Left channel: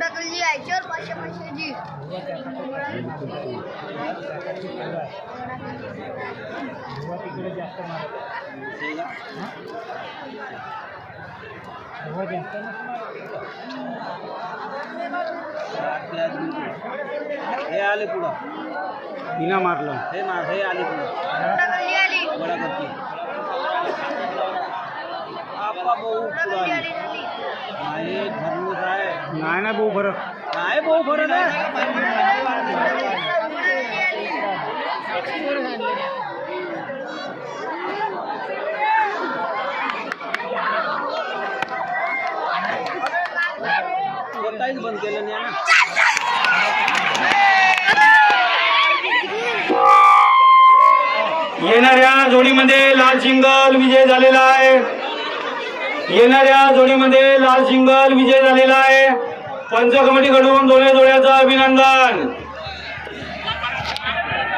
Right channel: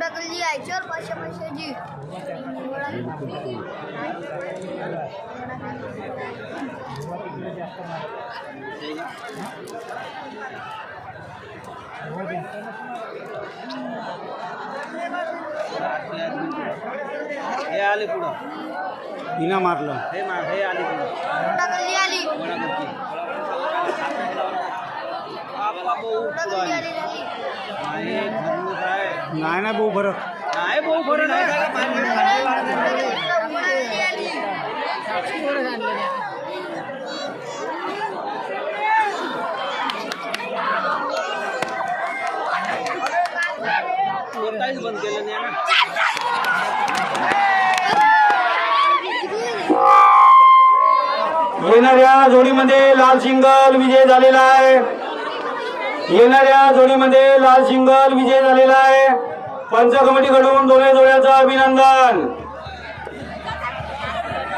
डकली यायच्यावर पैसे पैशाची हे आले पुढं हिना मारलं हे आले पुढं डकली आली नाही ना भाऊ फरक नाही भाऊ फरक काहीच बंद केलं नाही ना. येणाऱ्या जोडीमध्ये लाल सिंगल विजय झालेला आहे. येणाऱ्या जोडीमध्ये लाल सिंगल विजय झालेला आहे. पंच कमिटीकडून दोन्ही जोड्याचं अभिनंदन.